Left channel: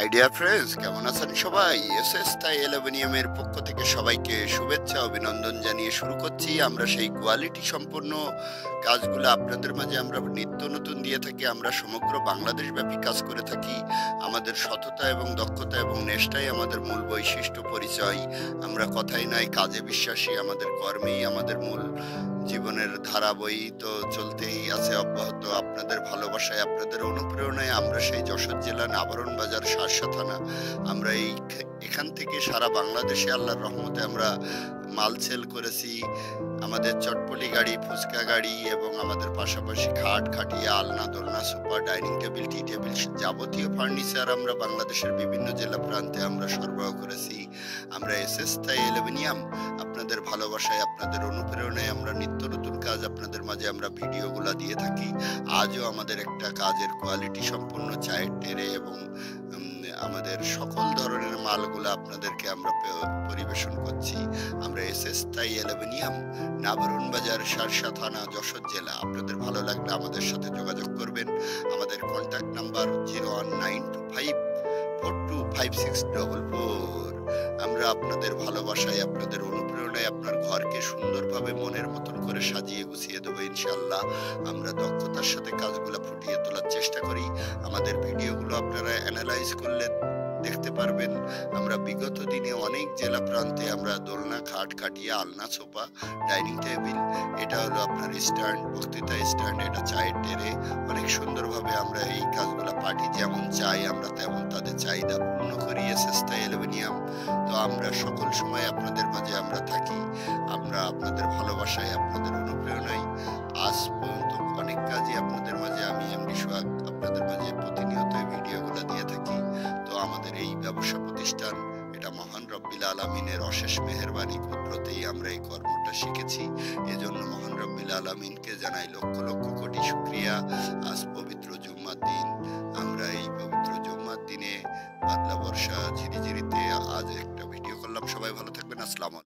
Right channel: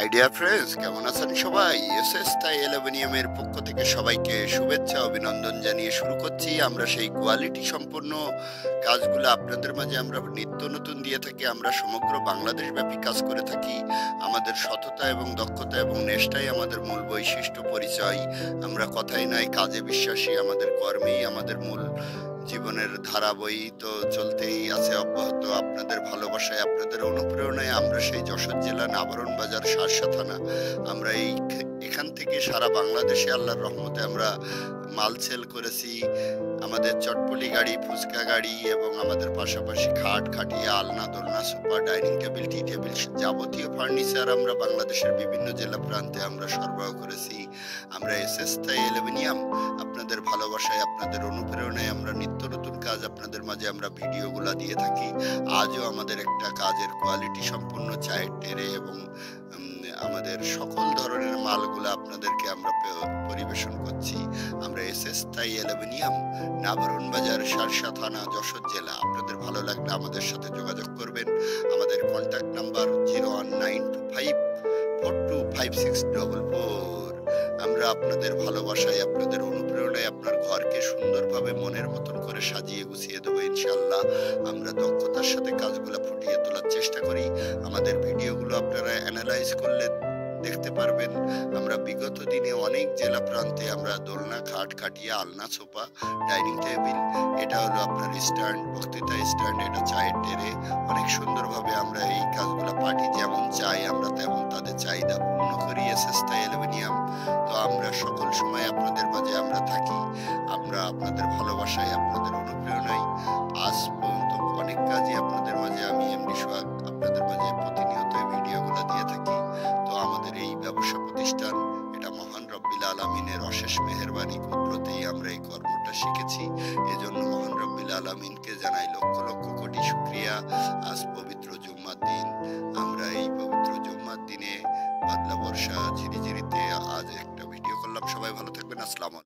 Idea friends কেমন আছেন সবাই? এসএস তাই অ্যালুমিনিয়ামের পক্ষ থেকে সবাইকে শুভেচ্ছা অভিনন্দন জানিয়ে শুরু করছি। আমরা সেই কোয়ালিটি সম্পন্ন কাজগুলো আপনাদের মাঝে আমরা নিত্য নতুন দিয়ে থাকি। আমরা সমগ্র বাংলাদেশ ব্যাপী কাজ করে থাকি। আমাদের সততা এবং দক্ষতা এবং নেশটাই আমাদের মূল বৈশিষ্ট্য পরিচয়। আমরা কথাই নয় কাজে বিশ্বাসী, আমাদের কর্মেই আমাদের মূল জীবনের ধারা বহিত চলতেই আছে অব্যাহত। আপনাদের ভালোবাসায়, আপনাদের অনুপ্রেরণায় আমরা সেই যশোর জেলা নাভারন বাজার শার্শা থানা, আমরা এখান থেকে সারা বাংলাদেশে আল্লাহর রহমতে আমরা মাল সেল করেছি। আমাদের চটপটি গাড়ি, ফুচকা গাড়ি এবং আমাদের পাশাপাশি খাট, খাটিয়া, আলনা, দোলনা, সোফা, ডাইনিং টেবিল, টি টেবিল, যাবতীয় ফার্নিচার আমরা বাংলাদেশের বিভিন্ন জেলা প্রান্তে আমরা সরবরাহ করেছি। আমরা এসএস তাই অ্যালুমিনিয়াম আপনাদের ভালোবাসায়, আপনাদের অনুপ্রেরণায় আমরা নিত্য নতুন কাজ আপনাদের মাঝে আমরা ভিডিওগুলা দিয়ে থাকি। আজও আমাদের একটা কাজের কোয়ালিটি সম্পন্ন চায়ের ট্রে এবং আমাদের সকল ধরনের মালগুলা আপনাদেরকে আমরা পরিবেশন করছি। আমরা এসএস তাই অ্যালুমিনিয়াম, নাভারন বাজার, শার্শা থানা, যশোর জেলা। আপনাদের ভালো লাগলে আমাদের সাথে যোগাযোগ করবেন। আমাদের কন্ট্যাক্ট নাম্বার 01925425644। আমরা আপনাদের ভালোবাসায়, আপনাদের অনুপ্রেরণায় আপনার ঘরকে সুন্দরভাবে মনের মতন করে সাজিয়ে গুছিয়ে দেবো ইনশাল্লাহ। আমরা দক্ষতার সাথে কাজগুলো ফুটিয়ে তোলার চেষ্টা করি। আমাদের ভিডিওগুলো আপনারা অ্যানালাইজ করলে দেখতে পারবেন আমরা বিগত দিনে অনেক জেলা প্রান্তে আমরা দোলনা, খাট, খাটিয়া, আলনা, সোফা, ডাইনিং টেবিল, এটা হলো আপনার স্ট্যান্ড, বক্তৃতা স্ট্যান্ড, এটা চায়ের টেরে, অনেক সুন্দরভাবে আমরা এই কাজগুলো পার্টি যেমন চাই আমরা তেমন তাদের চাহিদা পূর্ণ করি এসএস তাই অ্যালুমিনিয়াম। তো আমরা সকল সময় আপনাদের মাঝে আমরা থাকি। আমরা আপনাদের ভালোবাসায়, আপনাদের অনুপ্রেরণায় আজ পর্যন্ত অনেক কাজই আপনাদের মাঝে আমি এমডি সোহাগ আপনাদের মাঝে প্রতিনিয়ত এই ভিডিওগুলো দিয়ে থাকি। তো আমাদের এই ব্যবসা প্রতিষ্ঠান, এটা মহান রব্বিল আলামিনের অশেষ মেহেরবানি কুদরতেই আমরা এই কর্মটা শিখেছি। এজন্য মহান রব্বিল আলামিনকে জানাই লক্ষ লক্ষ কোটি শুকরিয়া। আজ পবিত্র জুম্মার দিন, আমরা এই পবিত্র জুম্মার দিনে বাদলা বর্ষা ঝিরিঝিরিতে আজ একটা ভিডিও করলাম। সবাই ভালো থাকবেন। আসসালামু আলাইকুম।